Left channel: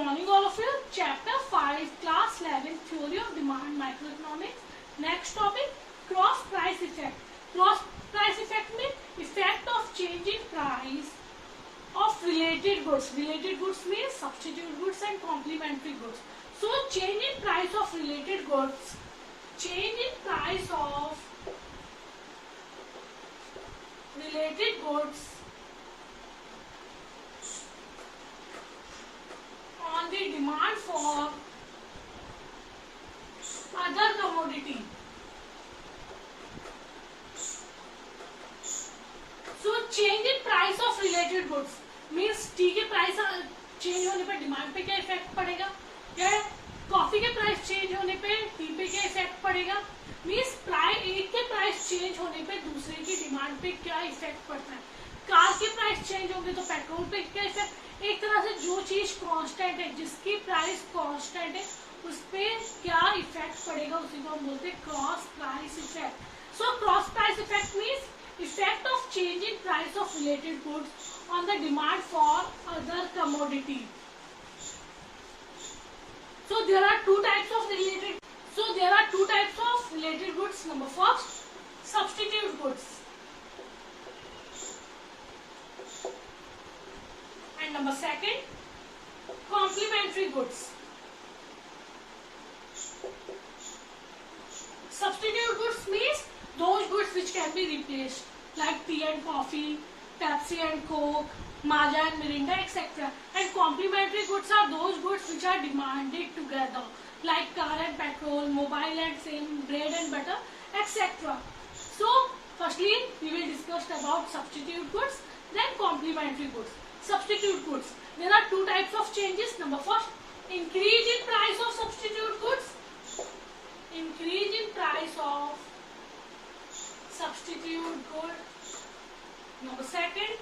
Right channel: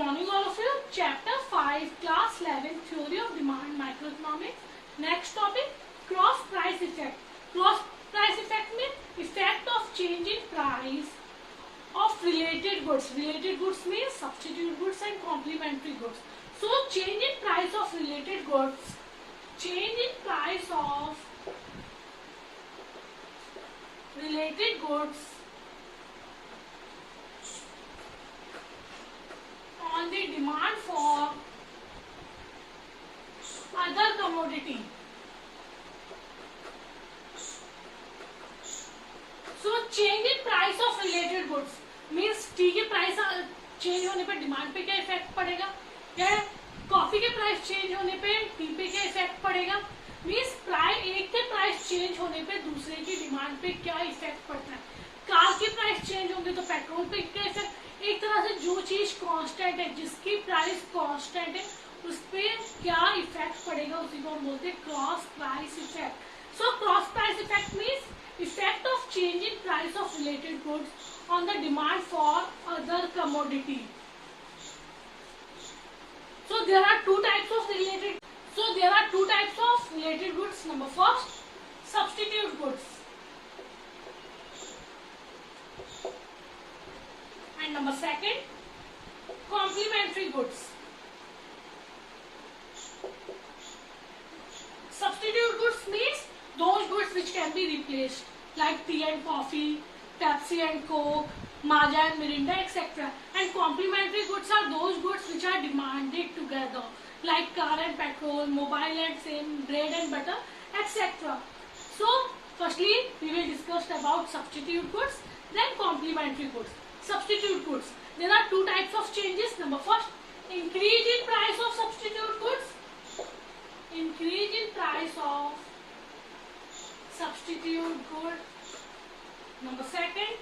morning all of you. Chapter 5, Class 11, Theory of Demand, Microeconomics. Next topic, Cross Price Effect. Cross Price Effect means effect of change in price of related goods. Related goods means substitute goods and complementary goods. So change in price of related goods. Change in price of related goods on the demand for other commodity. So change in price of related goods means T के price change होने पर demand पे क्या effect पड़ेगा, या coffee के price change होने पे टी पे क्या इफेक्ट पड़ेगा. मीन्स एक के प्राइस चेंज होने पे दूसरे की डिमांड पे क्या इफेक्ट पड़ता है. कार के प्राइस चेंज होंगे तो पेट्रोल पे क्या इफेक्ट. एक तरह से जो चीज कांस्टेंट है, जिसकी प्राइस कांस्टेंट है, उस पे क्या इफेक्ट पड़ेगा, उसी को हम बोलते हैं cross price effect. So cross price effect means effect of change in price of related goods on the demand for other commodity. So there are two types of related goods. Number first, substitute goods, and number second, complementary goods. Substitute goods means those goods which can be replaced, like tea and coffee, Pepsi and Coke, Maaza and Mirinda, etc. And complementary goods are those goods which are demanded together, like car and petrol, mobile and same, bread and butter, etc. So, firstly, we will discuss about substitute goods, then complementary goods. Substitute goods. There are two types of changes. Number first, increase in price of substitute goods. Increase in price of substitute good. Number second,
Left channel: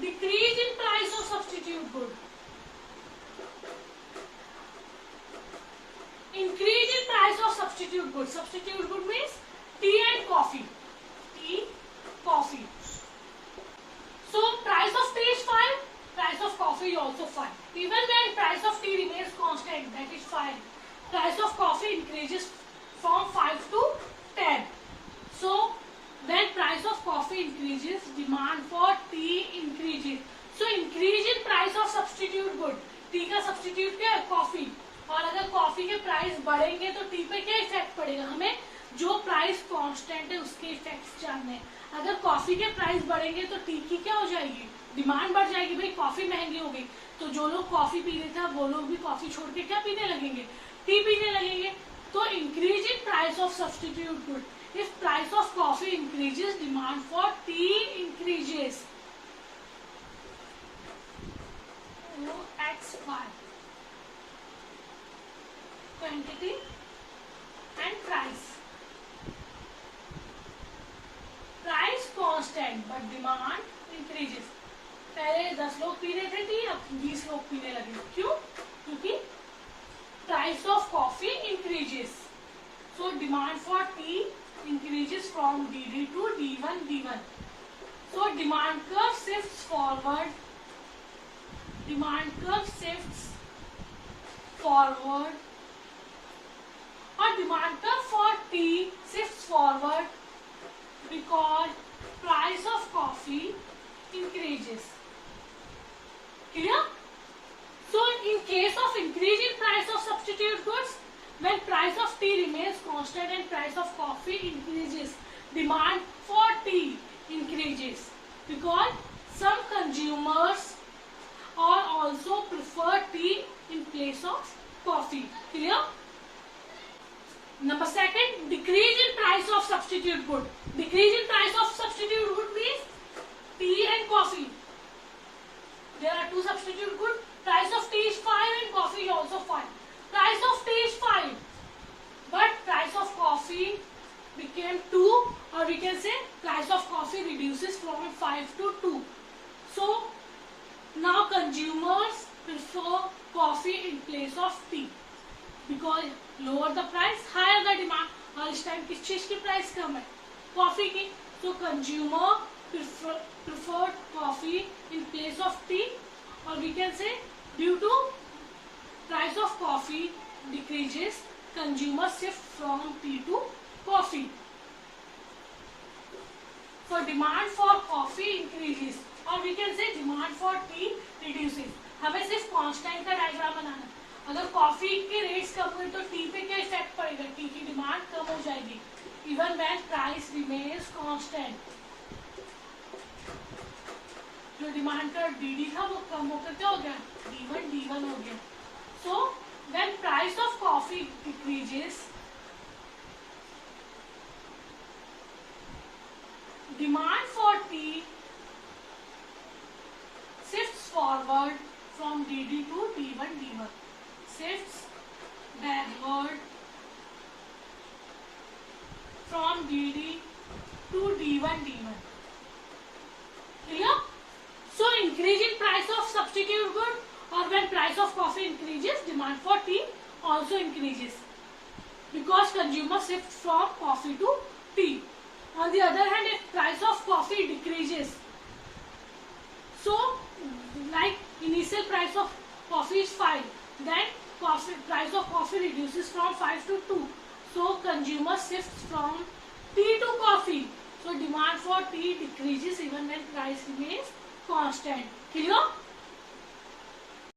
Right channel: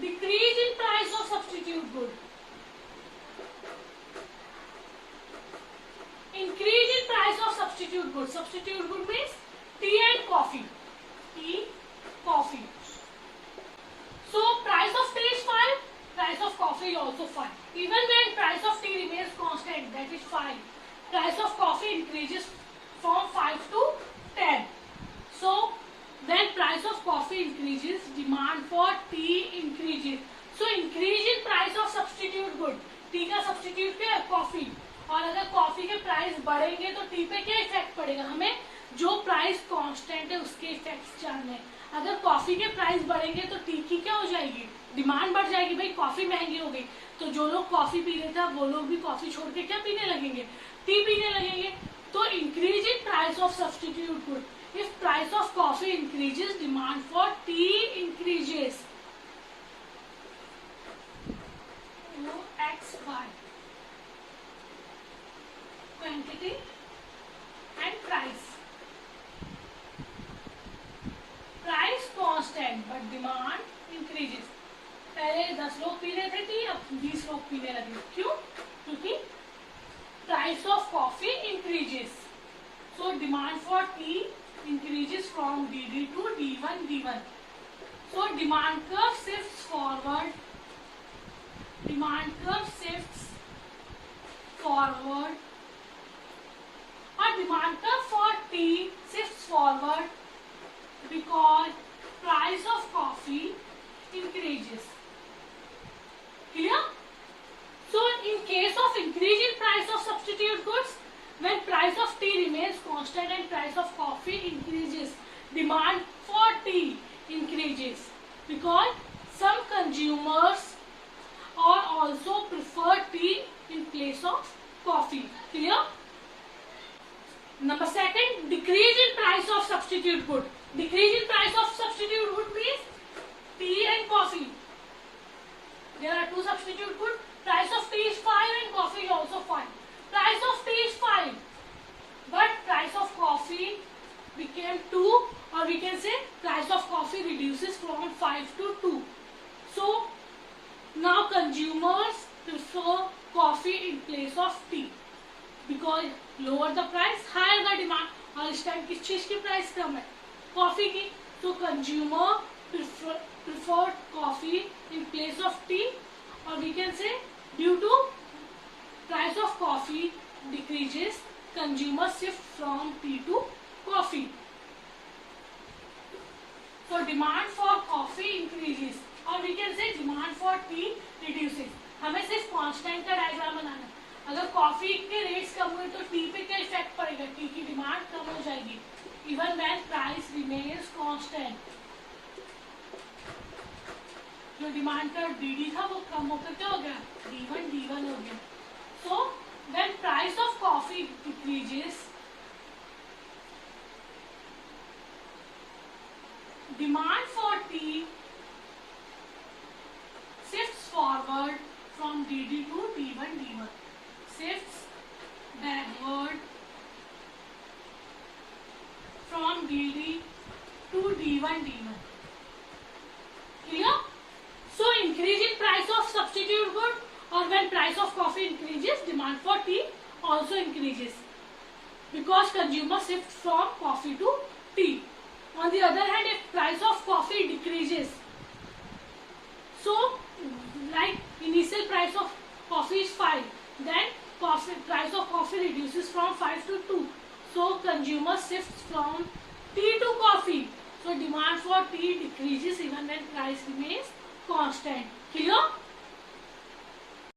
decrease in price of substitute good. Increase in price of substitute good. Substitute good means tea and coffee. Tea, coffee. So price of tea is fine, price of coffee is also fine. Even when price of tea remains constant, that is fine. Price of coffee increases from 5 to 10. So when price of coffee increases, demand for tea increases. So increase in price of substitute good. T का substitute क्या है? Coffee. और अगर coffee के price बढ़ेंगे तो T पे क्या इफेक्ट पड़ेगा. हमें जो प्राइस कांस्टेंट है उसके इफेक्ट्स जानने हैं. अगर कॉफी के प्राइस बढ़ेंगे तो टी की क्या हो जाएगी, डिमांड बढ़ जाएगी. भाई कॉफी महंगी हो गई तो जो लोग कॉफी पी रहे थे वो लोग भी कॉफी छोड़ के क्या पीने लगेंगे, टी पीने लगेंगे. तो increase in price of substitute good. If price of coffee increases, demand for tea increases. OXY. Quantity and price. Price constant but demand increases. पहले 10 लोग पी रहे थे टी, अब 20 लोग पीने लगे. क्यों? क्योंकि price of coffee increases. So demand for tea increases from DD to D1 D1. So demand curve shifts forward. Demand curve shifts forward. Or demand curve for tea shifts forward because price of coffee increases. Clear? So in case of increase in price of substitute goods, when price of tea remains constant and price of coffee increases, demand for tea increases because some consumers are also prefer tea in place of coffee. Clear? Number second, decrease in price of substitute good. Decrease in price of substitute good means tea and coffee. There are two substitute good. Price of tea is 5 and coffee is also 5. Price of tea is 5, but price of coffee became 2, or we can say price of coffee reduces from 5 to 2. So now consumers prefer coffee in place of tea because lower the price, higher the demand. और इस time किस चीज की price कम है? Coffee की. So consumer prefer coffee in place of tea, or we can say due to consumer shift from tea to coffee. So demand for coffee increases or we can say demand for tea reduces. हमें सिर्फ constant का diagram बनाना है. अगर coffee के rates कम हुए तो T पे क्या इफेक्ट पड़ेगा? टी की डिमांड कम हो जाएगी. Even when price remains constant, जो डिमांड का डी था वो कम होकर क्या हो गया? D1 हो गया. So when price of coffee decreases, demand for tea shifts forward from DD to D1. Shifts backward from DD to D1. Clear? So increase in price of substitute good, or when price of coffee increases, demand for tea also increases because consumer shift from coffee to tea. On the other hand, if price of coffee decreases, so like initial price of coffee is 5, then price of coffee reduces from 5 to 2. So consumer shifts from tea to coffee. So demand for tea decreases even when price remains constant. Clear?